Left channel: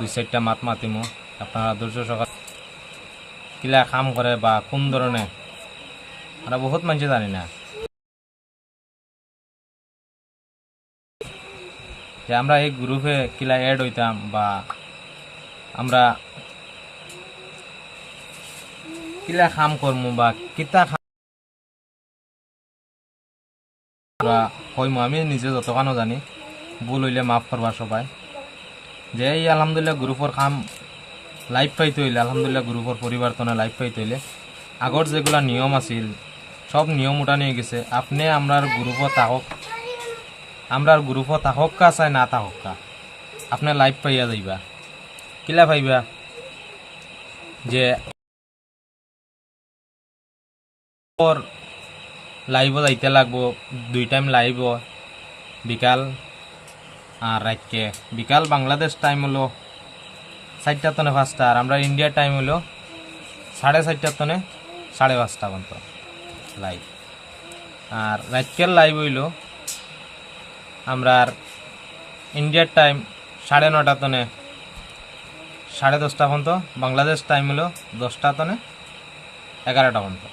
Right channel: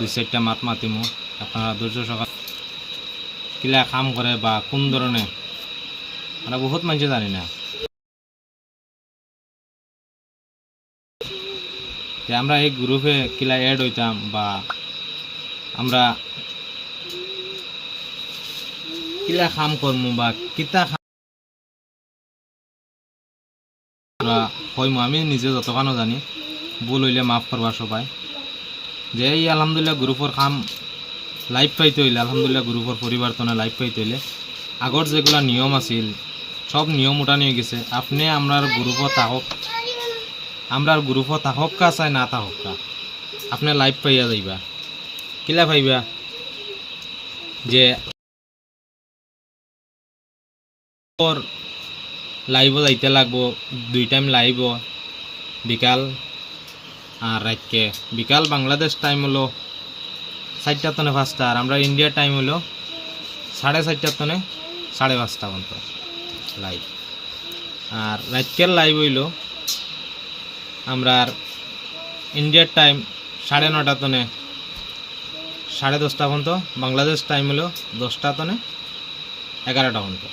দুই চারটা মাত মাতিমু আপনারা ধৈর্য সকাল কিলা কাম করে বা কোন ধরনের আমরা বহুত মানুষ জানি না। যে আমরা এই গ্রুপে কিলা অ্যাড হইতাম বা আমরা কিলা কাম করমু বা কিতা কইমু আমি নিজে যতখানো জানি। ভুল হইলে মাফ করবা সবাই। যে এই আলহামদুলিল্লাহ গ্রুপের কাম লাইফ পাইতে হইলে আলহামদুলিল্লাহ গ্রুপের পরিবর্তনে লাইফ পাইতে হইলে আগর যেগুলা নিয়ম আছিল সব নিয়ম উঠানি হয়ে গেছে। আপনি আমরার গ্রুপত থাকক আমরার গ্রুপত থাকক কা চাই না থাকক কা, আপনি লাইফ পাইয়া যাইবা। কিলা পাইবা যে লাইভ যাইতে লাগবো, দুই টাইম লাইভ বিকাল। আর রাতকে বিকাল বাংলাদেশ টাইম হলো চারটা তনে পাঁচটা আর আমরা ইন্ডিয়ার টাইম হলো সাড়ে চারটার তনে সাড়ে পাঁচটা পর্যন্ত লাইভ আর রাতকের লাইভ হইল আমরা ইন্ডিয়ার টাইম সাড়ে নটা তনে সাড়ে দশটা পর্যন্ত, বাংলাদেশ টাইম হলো দশটা তনে এগারোটা পর্যন্ত।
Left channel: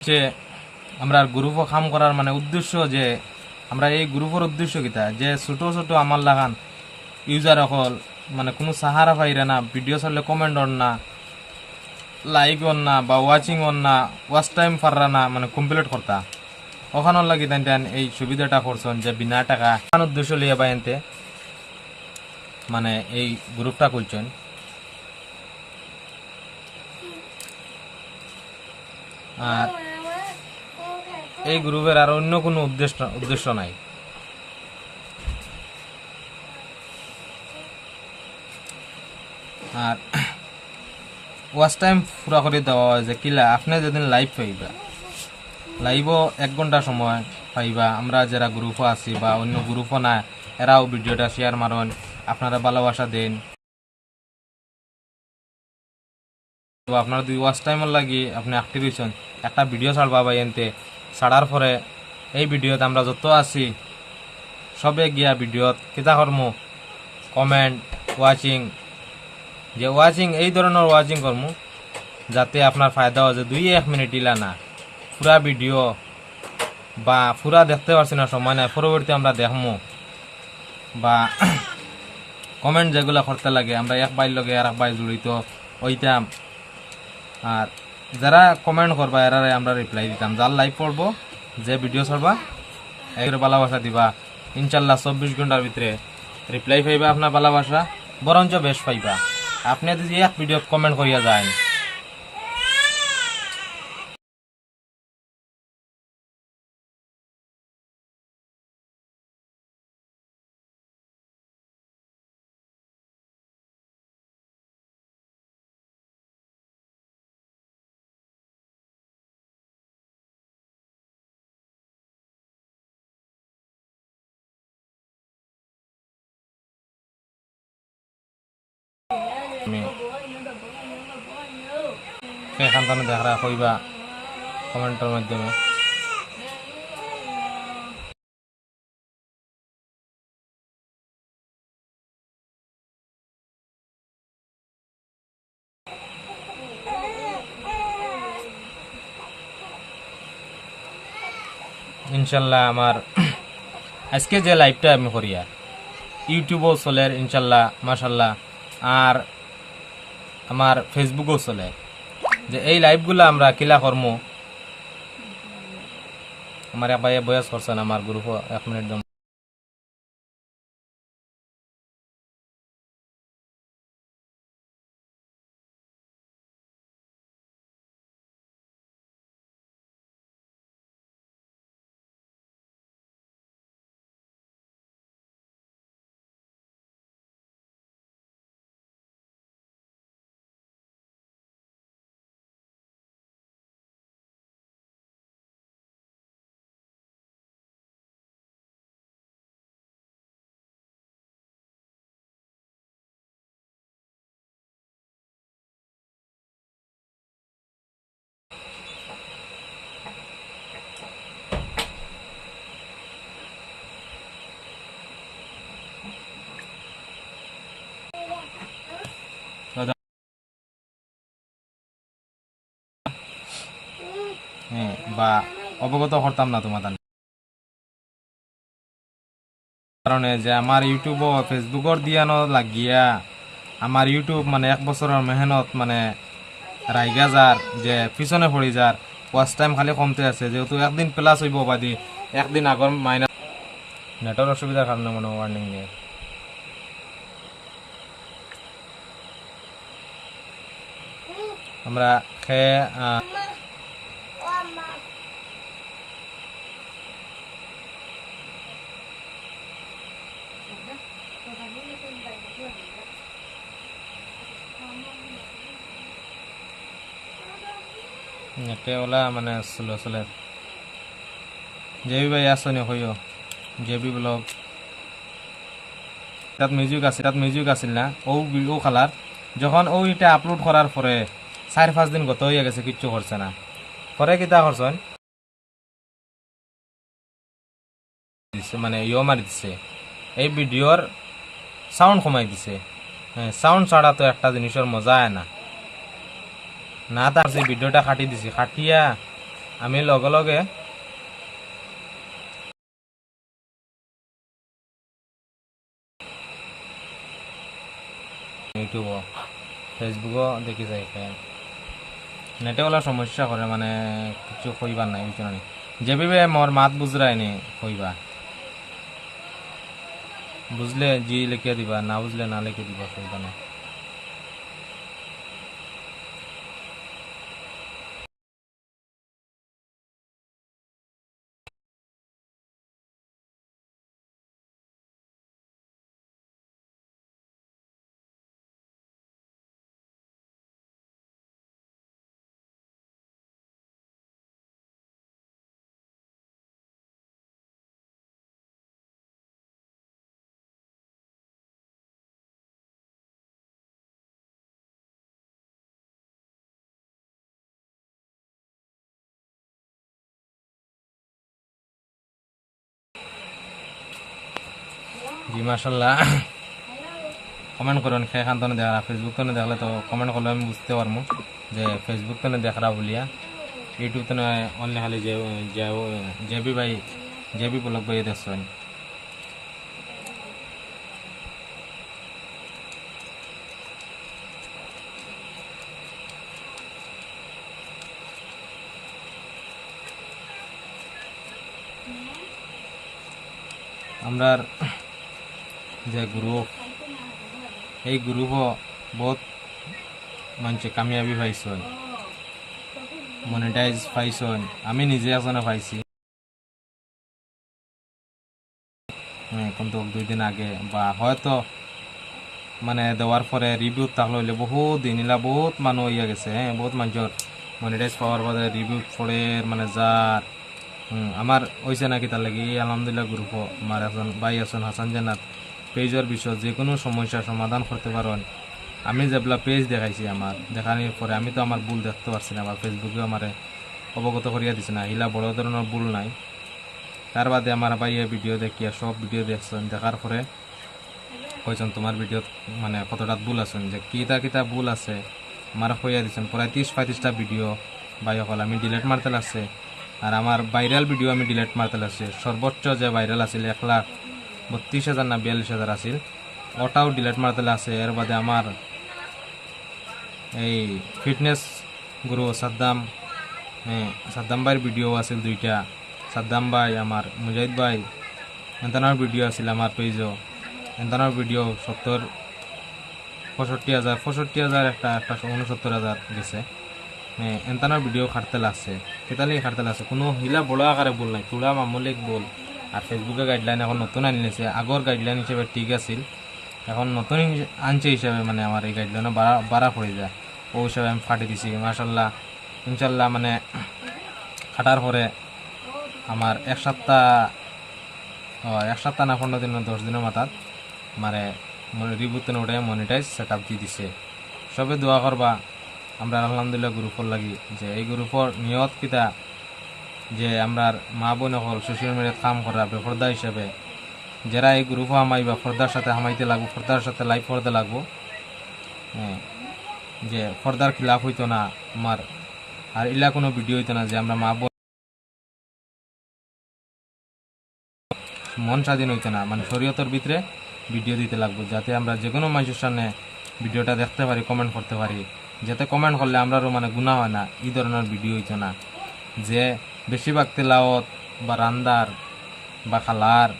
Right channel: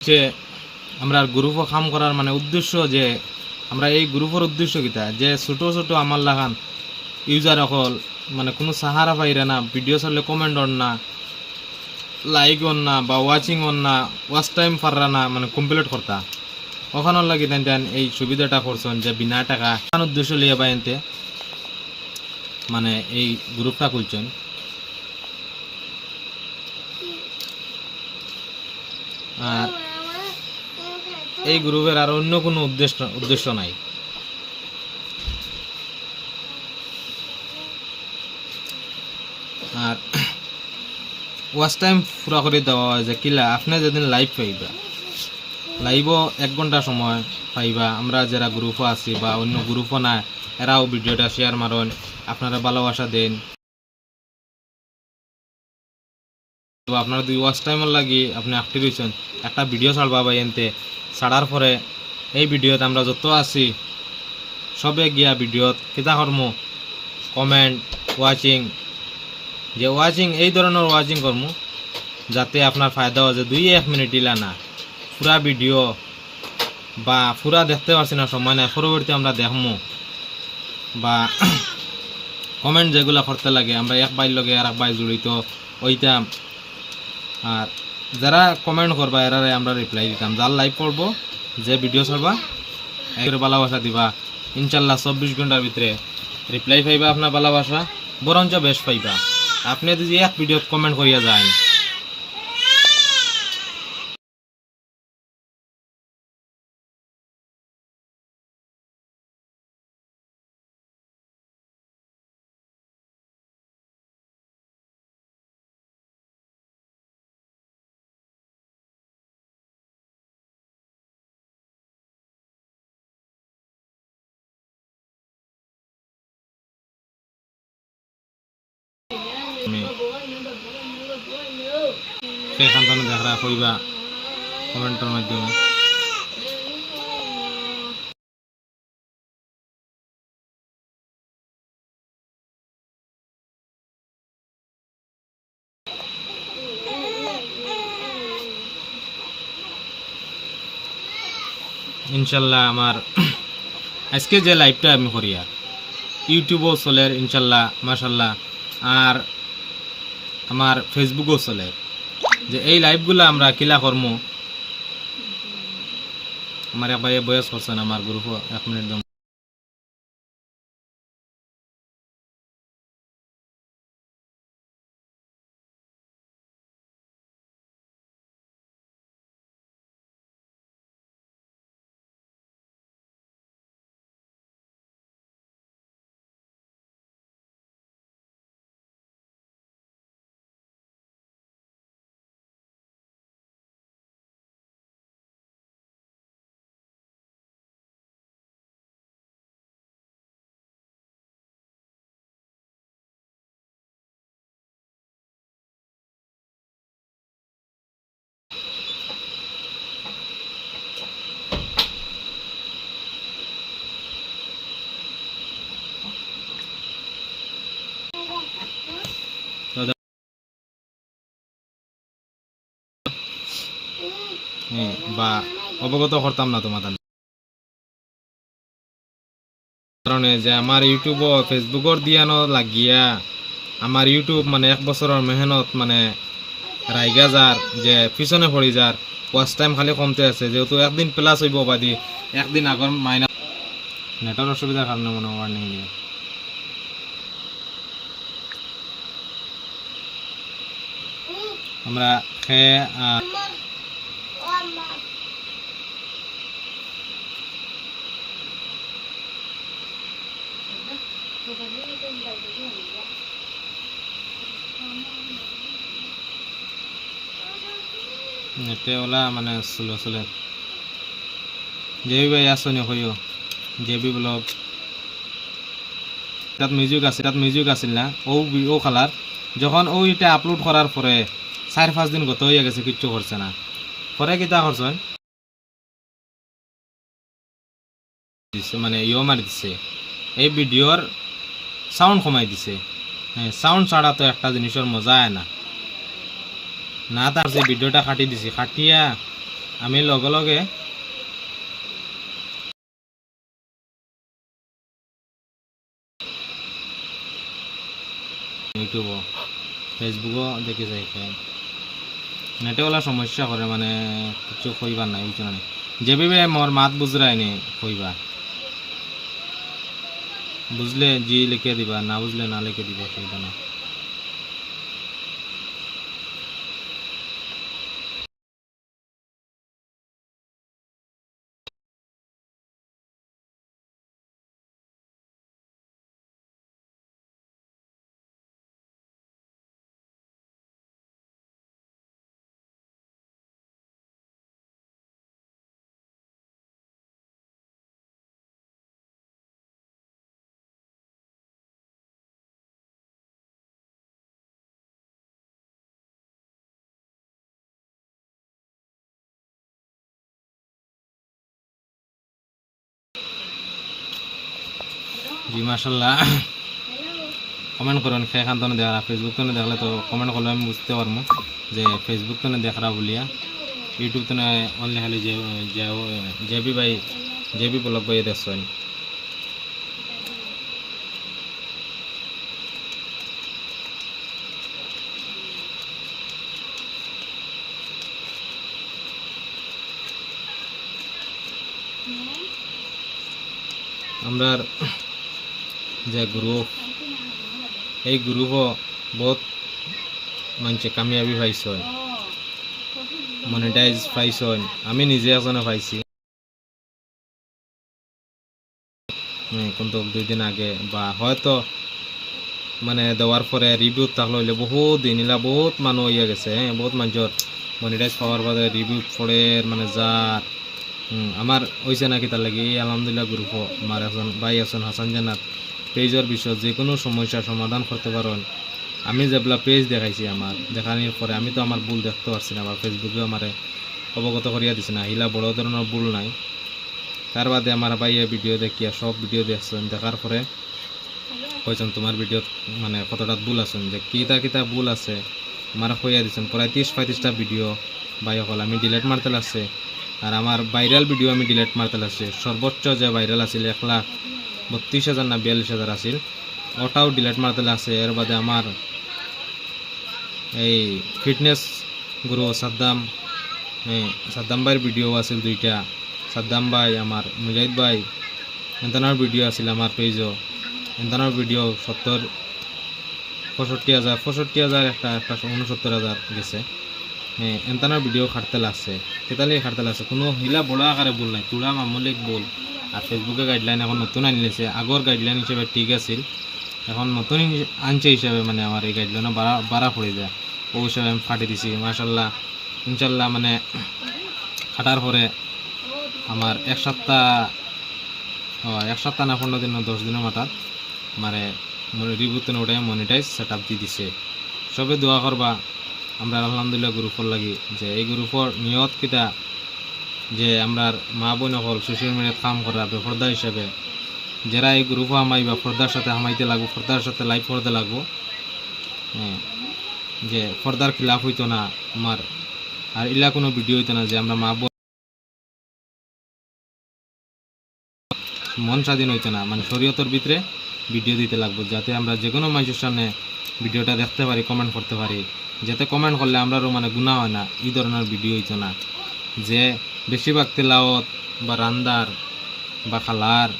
যে আমরা গ্রুপও কাম করার মানে উদ্দেশ্য যে আমরা এই গ্রুপের উদ্দেশ্য কিতা যে ছোট ছোট আমার লাগান ইউজার অকল মানে কোনো সাহারা পাইরে না ভিডিও চাইলে কমেন্ট অন না লাইক অন না, বা ওয়াচিং অন না ওয়াচ টাইম পাররা না মানে কমপ্লিট করতা। ওখানোর লাগি তাই এই সুবিধাটা করছেন যে বিনা টাকা উদ্দেশ্য লিয়ে বাইনতে মানে এই গ্রুপটা খুলছেন। আর এই গ্রুপের আর অন্য কোনো উদ্দেশ্য উদ্দেশ্য নাই। আর ওয়াচ টাইম পুরা করে দেওয়া হয় যে, কিলা, আপনি যেদিন লাইভ পাইবা, লাইভও এক ঘণ্টা সময় পাইবা। আমরা যারা গ্রুপও আছি বা অন্য গ্রুপও না এরাও ভিডিওটা শেয়ার মারেন, আপনারা ভালোবাসা দেন। তো আপনার দুই ওয়াচ টাইমের লাগি আপনি অ্যাক্টিভ হয়েছেন একটা ভিডিও ছাড়বা বা এনতে। ছাড়ার পরে এই ভিডিওত আমরা যত আছি, সবে গিয়া ভিডিওত কিতা কর্ম? কমেন্ট ওয়াচিং যে ওয়াচিং এই ধরনের ওয়াচিং কর্ম, যাতে আপনার ফায়দা হয় যে দুই এক মিনিট ইলা না। পুরা ভিডিও বা পুরা দেখতে পারছি না, সময় নাই। পরবর্তী আমরা দেখমু। বা কমেন্ট যেগুলো করতে লাগে, আমরা এক বাইর লগে আর এক বাই জড়িত ওইটাম আর যারা কমেন্ট করবা, এরারে আমরা রিপ্লাই দিতাম। যার লাইভ পড়ব, যে ভিডিও চলবা একের ভালোবাসা দিবা। ইনশাল্লাহ চব্বিশ ঘণ্টার ভিতরে রিপ্লাই পাইবা আপনার ভালোবাসা বরঞ্চ বেশ পাইবা। আপনি যদি এক ভিডিওত কমেন্ট করিয়া যায় থেকে দেখা কইবা কমেন্টের মাধ্যমে। ইনশাল্লাহ আমার আজকে যে লাইভটা আমি করি আর ইউটিউবও চলে, ইনশাল্লাহ, মাশাল্লাহ। আর আমার ফেসবুকও চলে। যে এই লাইভগুলো আমরা কিলা কর্ম? আমার এক বয়স করছেন আমার গ্রুপ এক মিনিট বা অবগত করতাম না তোমাদের। কারণে যে আমার ইউটিউব ও ফেসবুকর দিয়ানো লাগিয়া আমার ইউটিউব মানে এক বছরের মেহনত মানে রাইগা যার যে পিছনে পড়ি যার ওয়াচ টাইম খালি কমতে আছে, যেহেতু একদিন প্লাস হইব বাদি একদিন আগর মাইনাস নেটওয়ার্ক অসুবিধার কারণে মনে ওয়ার্নিং নিয়ে আমরা খেয়ে এতে ওলা মানে স্লো চলে জেবি ভাই আসনি হইও জেবি ব্লগ তাত মিউজিক আছে তাত মিউজিক আছিল না? ও ও খালার যখন ও এটা আপলোড করার পরে চার পাঁচ দিন গত হয়ে গেছে, কিচ্ছু করছে না। পরে কিতা করছেন দিছে মানে ইয়ে মারি দিছে। এই ভিডিওর সাউন্ড কমাই দিছে। হ্যাঁ সাউন্ড ছাড়া তো একটা জিনিসের মজা আয় না না তার যে ভিডিওটা কাটি দিছি, কাটিয়া। আমি লগে লগে ইউটিউবও ফেসবুকও দেখি যাই নেটে ওলা সমস্যা করে মানে কিছু কইবার নাই বুঝছ না যে ভাবে মোর মাত বুঝরাই নি কইবা বুঝলে জি লিখে দিবা না বুঝলে না লিখে দিবা অসুবিধা নাই। জি মাসাল্লাহ কমেন্ট করুন খেয়ে খান তো দেখা ফেসবুক তো দেখলে তো কমেন্ট করলে আমি বুঝতে পারব যে ফেসবুক তো দেখরা বলিয়া ইউটিউব তো অনলি খালি যে জেবি ভাই জেবি ব্লগ ভাই দেখছেন। আমরার যে গ্রুপ এই গ্রুপও বহুত মানুষে কামিয়াবি পাইছেন মনিটাইজ পাইছেন আমি নিজে একজনে পাইছি। হ্যাঁ, কিন্তু দুই দিন আগে বা হয়তো মানে দেওয়ার পরে রিভিউ থাকলে হইলে বহুত দিন ইলা বহুত মানুষ ইয়ে গেছে হ্যাঁ বহুত মানুষের মনিটাইজ পাওয়ার বাদে রিভিউ পড়ে মানে যার আমার হয়েছে নাকি তার লাগে এই আলহামদুলিল্লাহ গ্রুপ আমার একজন ভাই আছেন হাসান জান্নাত পেজের বিষয় যে কোনো সমস্যার সমাধান করতে পারেন আমি যেগুলা পেজ দেখাইছি আমার দেখানোর পরে আমি তো আমার ভুল দেখতে পারছি না আমার ফেসবুকে আমার অবগত করিয়া দিছে না হিলা বড় ধরনের ভুল নাই। তার বাদে আমার ভাইয়ে ভিডিও দেখিয়া সব ভিডিও দেখছেন দেখার পরে কইছেন তোমার ভিডিও মানে কতটা ভুল আছেন? যে কিতা কিতা ভুল আছে আমার কইয়া দিছেন প্রায় ত্রিশ পঁয়ত্রিশটা ভিডিও ভাই সকল আমি ডিলেট মারতে লাগছে। আর আমার ভাইরাল ভিডিও আমি ডিলেট মারতে লাগছে। সর্বোচ্চ যে ভাইরাল আছিল এক লাখ বত্রিশ হাজার না বিয়াল্লিশ হাজার আছিল। ওটাও ডিলেট মারতে আছে, এর বাদে আমার এই ফিটনেস গুরু সাদ্দাম হ্যাঁ সাদ্দাম ভাইয়ের ভিডিও আছিল দুইটা। সাদ্দাম ভাই, আমার মুজাহিদ ভাই, এন্তানোর ভিডিও আছিল আমার পেজও এন্তানোর ভিডিও সত্তর, পঁয়ষট্টি হাজার পঁয়ষট্টি হাজার একটা একটা উনসত্তর হাজার গেছে। হ্যাঁ এন্তানোর ভিডিও খাটতে লাগছে কেতালি খাটতে লাগছে কোনো হিলা বড় আকারে বল নাই। তুলা মামলিক ভুল। আর ফেসবুকে গাইডলাইন এখন নতুন আনিলেছে আগর গাইডলাইন হিসেবে ঠিক আছিল। এখন নতুন আনছে হিসাবে মানে আমার এই গাইডলাইনও বাড়া বাড়া পড়ে যায়। ও হিসাবে আমি ফাটি দিছি। মাসাল্লাহ ইনশাল্লাহ মানে খাটার পরে আমার এক সপ্তাহ এক সপ্তাহ না পনেরো দিন দশ দিনের মাথাত মানে রিভিউতে ওটাই মনিটাইজ সেট আপ দিয়ে দিছে। সবে দোয়া করবা আমরা আলহামদুলিল্লাহ গ্রুপর লাগি যে এই গ্রুপর নিয়ত কিতা যে আমরা মা বোন হল সোশ্যাল মিডিয়াত কাম করা বেফর্দা হিসাবে যারা এই গ্রুপ হামাই বা ফর্দার সাথে হামাইতে লাগবো, ফর্দার সাথে লাইফ ফর্দা লাগবো হ্যাঁ, যে ফর্দার খিলাফ হইতো না আমার, আর ইলা কোনো ভিডিও হইতো না যে আমরা মা বোন মন স্বাধীন হইতো না। মানে শরীয়তর ভিতরে ভিডিও দিতে লাগবো, যাতে আমরা যে কোনো মানুষের সামনে ভিডিওটা দেখতে পারি কমেন্ট করতে পারি। যাতে কমেন্ট করলে আমরারও মানে গুণা হয় না। এই ধরনের ভিডিও হইতো না। যে বেশিরভাগ তেলাওত বা রান্দার বা খালার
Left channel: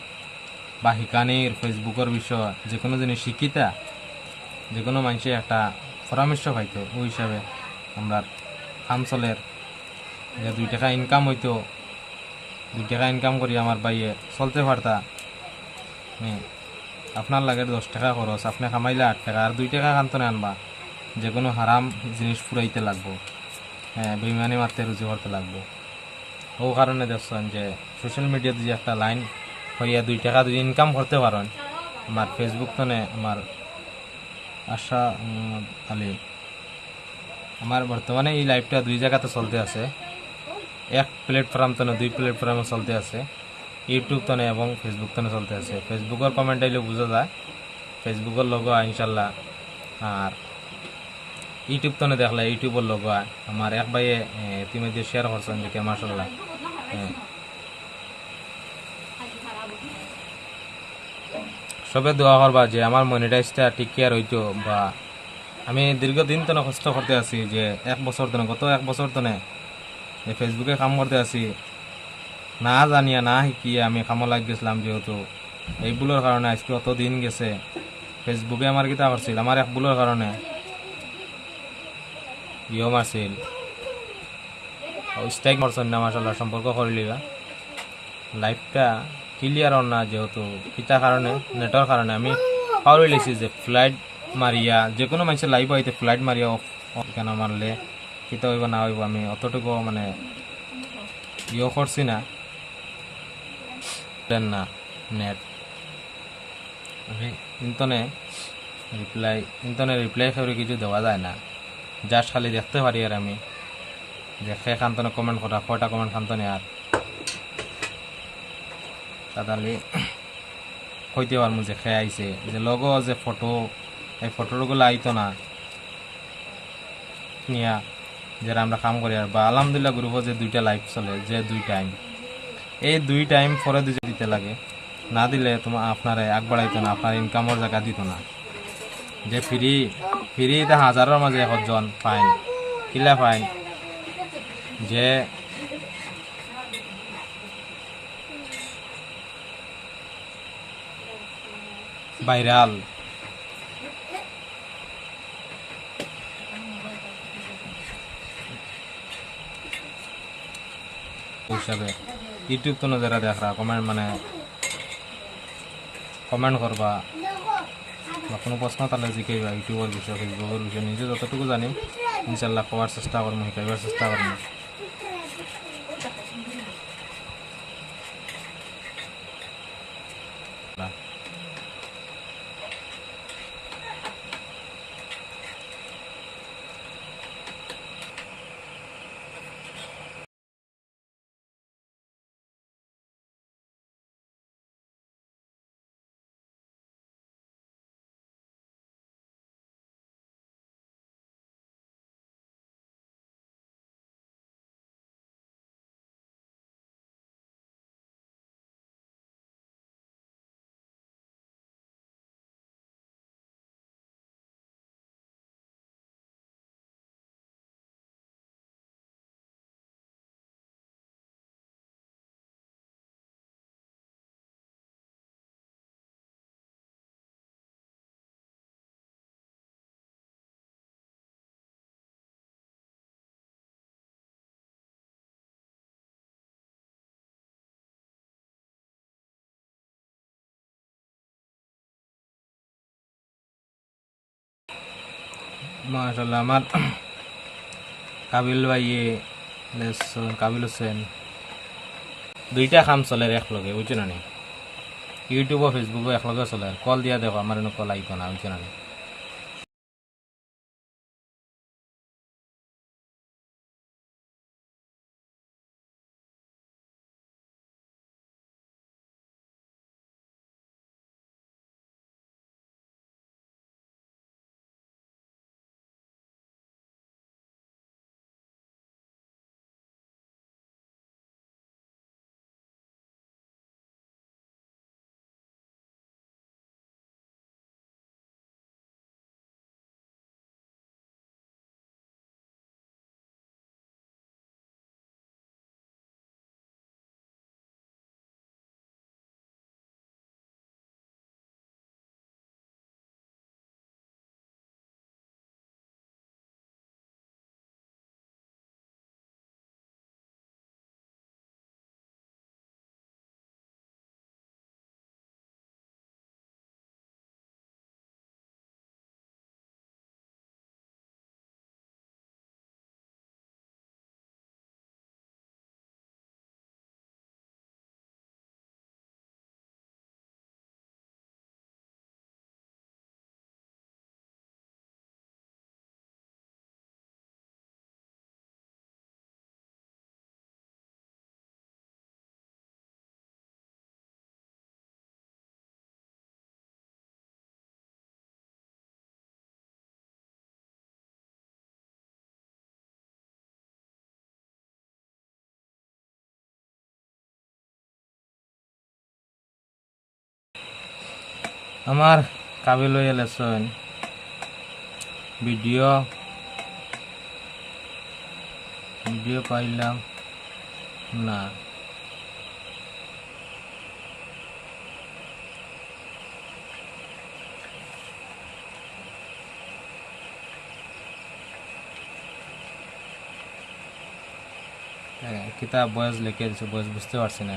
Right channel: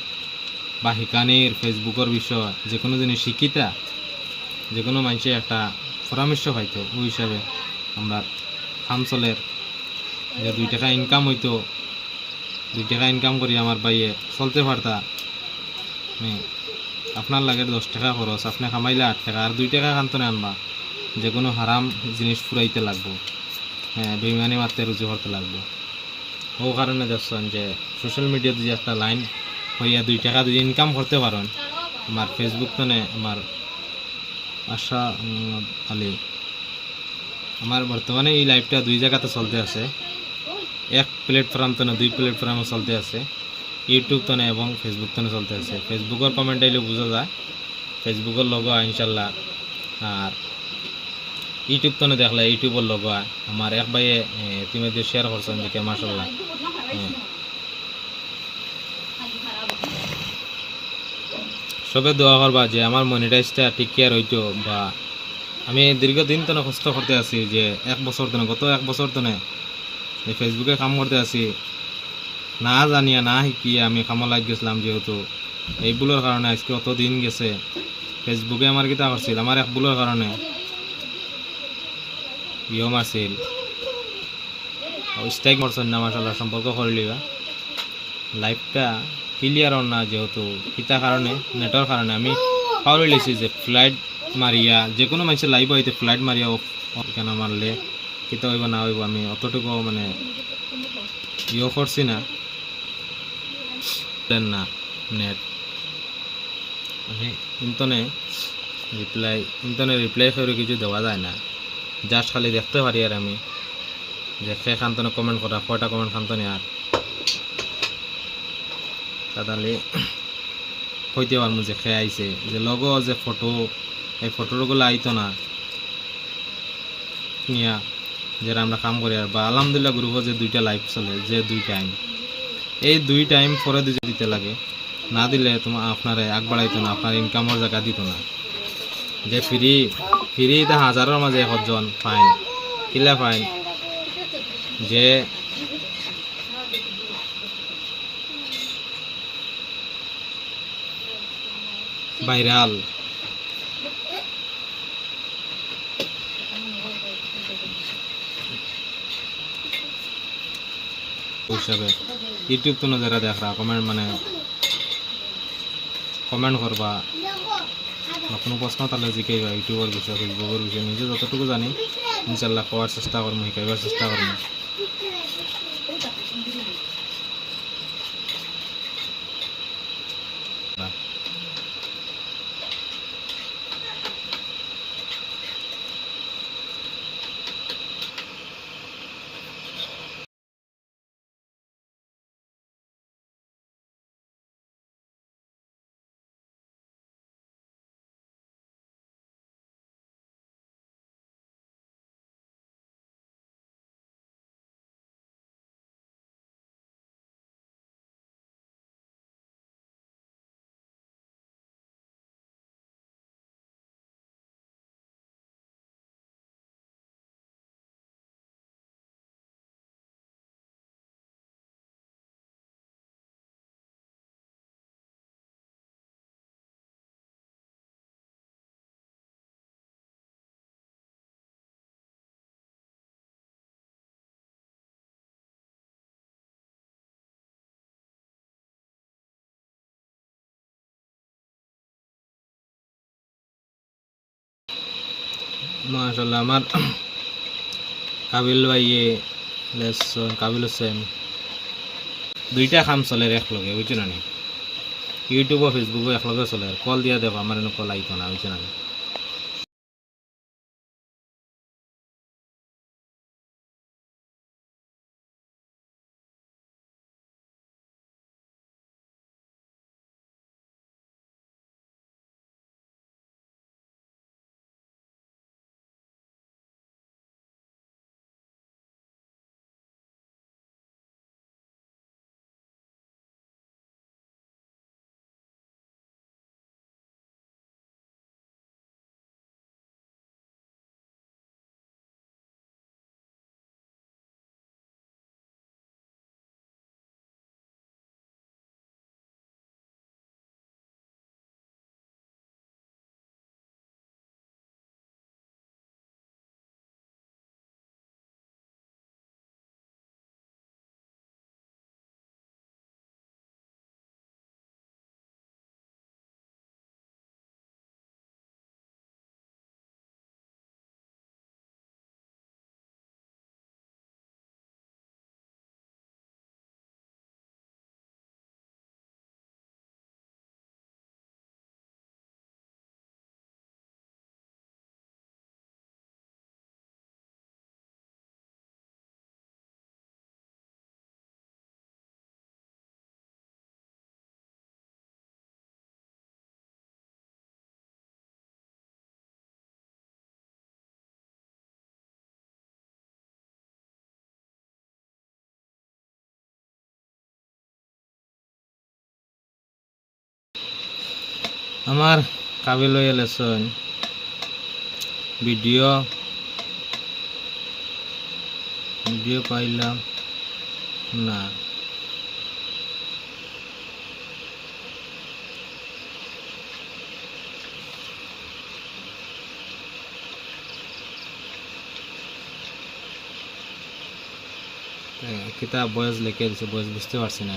বা হিকানির, ফেসবুকের বিষয়, যে কোনো জিনিস শিক্ষিতা, যে কোনো মানুষে একটা পরামর্শ পাইতো, ওই হিসাবে আমরা হামসলের যে দুই টাকা ইনকাম হইতো, দুই টাকা ইনকাম করি আমার বাইয়ে চলতে পারতা। আপনার লাগে দশ টাকা খরচ, আপনি কামাইলে আট টাকা, আর দুই টাকা কান্তনে আনবা। যে কোনো হারাম জিনিস ফুরাইতে লাগবো। হ্যাঁ বেইমানি মারতে রুজি করতে লাগবো। ও কারণে দেখছেন যে সোশ্যাল মিডিয়াতে যে একটা লাইন হইয়া দুই টাকা যদি ইনকাম করতে পারেন, আমার ফেসবুক তো নে আমার আশা আলী। আমার বর্তমানে এই লাইভটা দুই জায়গাতে চলতে আছে। এক প্ল্যাটফর্ম তো না দুই প্ল্যাটফর্মে চলতে আছে। ইউটিউব তো না এবং ফেসবুক তো না চলতে আছে। ফেসবুকের কমেন্ট আইলে বোঝা যায়। ফেসবুকের লোগো ইনশাল্লাহ, আর ইউটিউব তো দেখলে, ইউটিউবের লোগো হয়। আমার এক ভাইয়ে ইতিমধ্যে শেয়ার করছেন দেখে মাসাল্লাহ সবে দোয়া করবা যে আমার মনিটাইজটা ঠিক কেয়ার হইতো বা আমি দীর্ঘদিন তো কষ্ট করতে আছি যে এক বছর তো গত এক বছর তো ফেসবুকে কাম করতে আছি। না জানিয়া, না শিকিয়ে আমি কামত লাগ গেছিলাম যেহেতু। এই ভুলের কারণে আজকে অত দিন গেছে। ফেসবুকে আমার কিতা করছিল আমার এক ভুলের কারণে ইয়ে মারছিল স্ট্রাইক মারছেন না মাসাল্লাহ সম্পর্ক করলিবা লাইফটা ক্লিয়ার না যেহেতু কিতা কারণে নেটর কারণে আমি পাওয়ার লেছি যে ফ্লাইট মারিয়া যে কোনো মানুষের লাইভ হইতে ফ্লাইট মারিয়া অফ কেন মারলে কিতা হইব না হইব আমি অতটুকু মানে ইয়ে করছি না। দেন না নেট আমি ইন্তনে রিপ্লাই ইন্তনে রিপ্লাই করে কিছু দেওয়া যায় না। জাস্ট খালি দেখতে পারি আর আমি। যে সে খান্তনে কমেন্ট করা কয়টা কমেন্ট খান্তনে আর তাহলে কইতে পারব যে খেয়ে আইছে যে লগো যে ফটো এই ফটোগুলো আইতো না। নিয়া যারা আমরা কাম করি আর বা আলহামদুলিল্লাহ গ্রুপে যে দুইটা লাইভ চলে, যে দুই টাইম এই দুই টাইম পরে দিতে দিতে লাগে। না দিলে তোমার আপনারে আগ বাড়াইতো না আপনার ইনকামের জায়গা দিত না। যে ফ্রি ফ্রি এটা হাজারের মাঝে একজন ফাইন, কিলা ফাইন। যে ভাইরাল হিসাবে ইউটিউব তো যারা দেখরা কমেন্ট মানে কমেন্ট করবা বা কোনো প্রশ্ন তাহলে জিকাইবা ইউটিউবের বিষয়ে ফেসবুকের বিষয়ে, নিজে যতটুকু জানি, ইনশাল্লাহ কোয়ার চেষ্টা করব শিকাইবার চেষ্টা করব মাশাল্লাহ আমার কাবিল ভাই কাবিল হোসেন, দুইটা কাম চলে একলগে বুঝছ না ইউটিউব ফেসবুকও একলগে চলে কল দিয়া দেখো, আমার কল আইতো না বুঝছ না? আমার কাবিল হয়ে লেসন ভিডিও। ভিডিও পাইলাম। না। কিতাব বয়স লিখে দিছে বয়স বুঝতে পারছি না।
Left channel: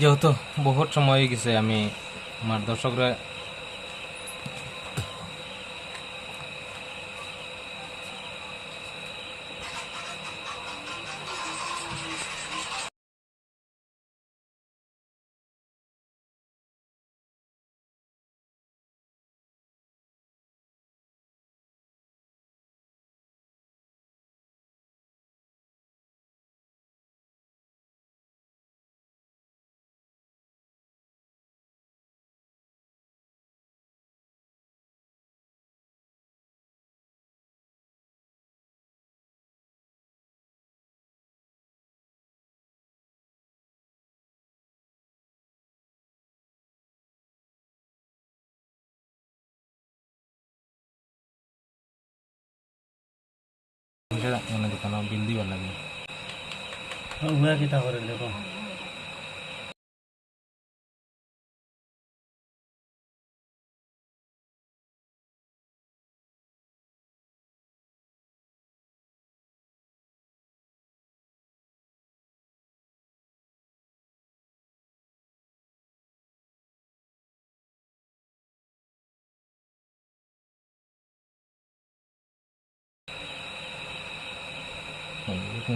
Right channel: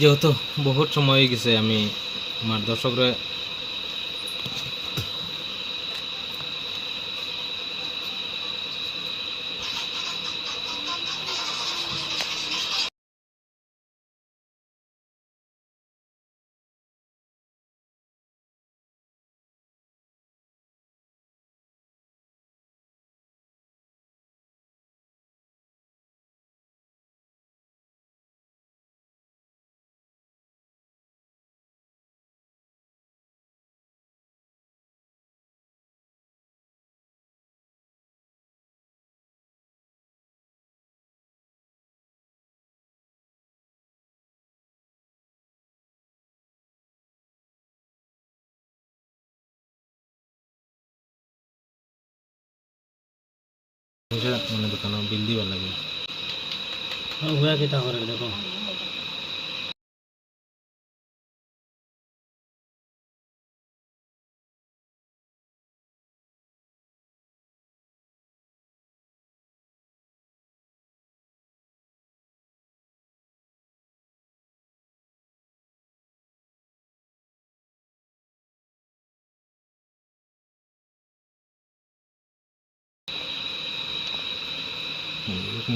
যেহেতু বহুত সময় হয়ে গেছে আমি আমার দর্শকরা মানে দোকান বিল দিবার লাগে। হুয়া কিতা করে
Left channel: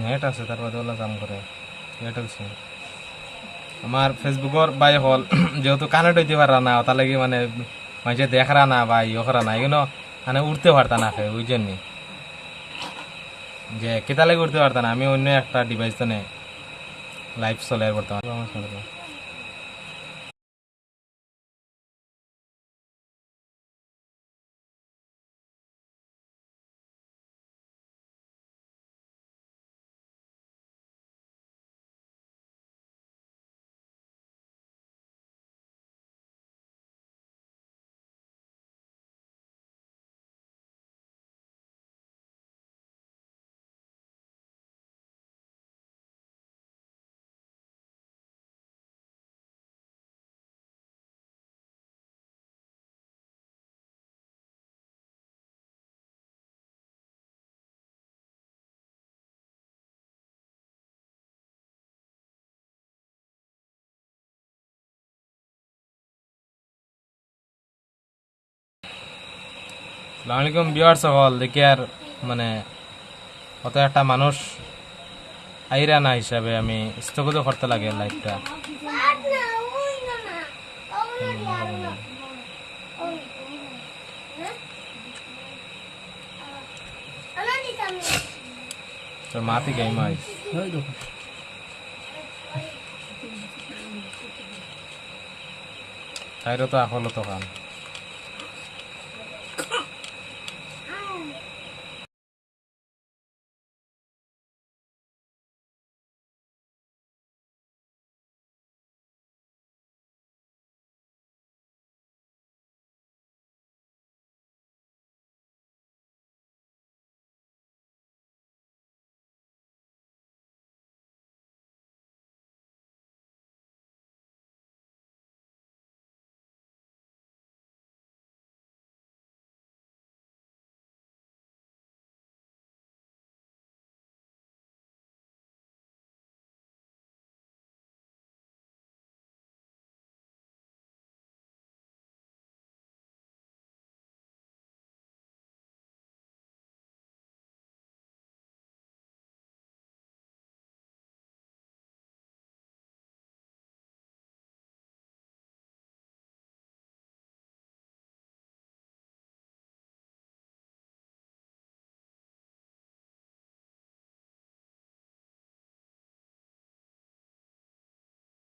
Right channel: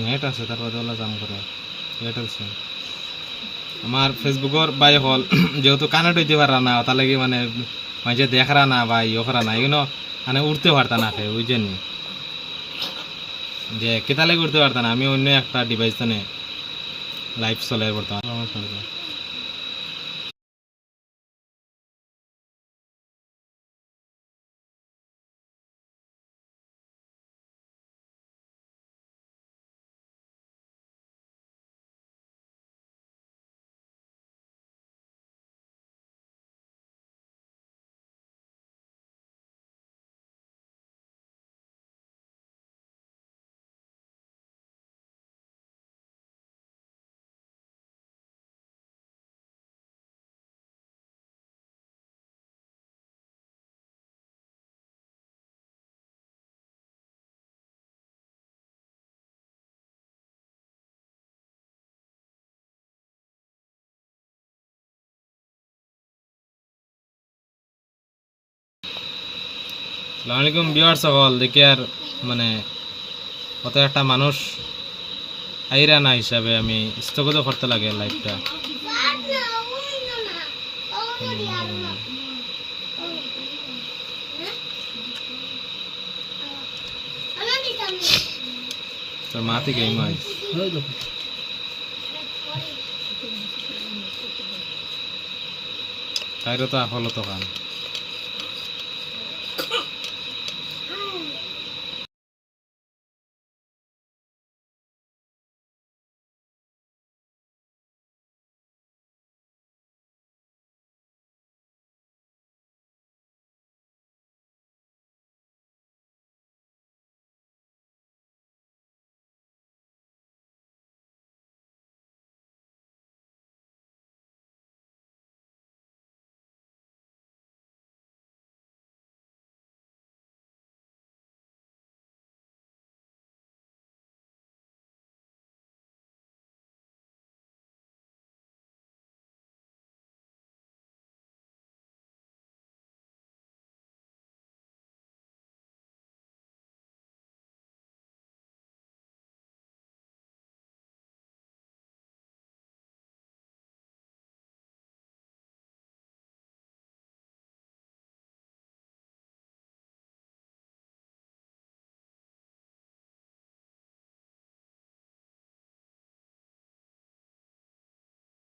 নেট আছে, তারপরে ওলা কাম করে। এয়ারটেল সিম আমার ফেসবুকের বাই হল, যেহেতু কানেক্ট হইতে পারা না তার কি মানে মাঝে দেখরা না বা ইয়ে করা না এগুলো মানে উঠতে পারতা না খেয়ে ওই জন্য যে কেতা উঠতে পারতা না, আমি অন্য একটা ডিভাইস তো লাইভ চলে বর্তমান। আলাইকুম বিয়ার সকল দেখি আর মানে কত একটা মানুষ আইরা না হিসাবে আমি স্থগিত করতে লাগে লাইফটা তোর মা থেকে মাই তো আসল তো খান।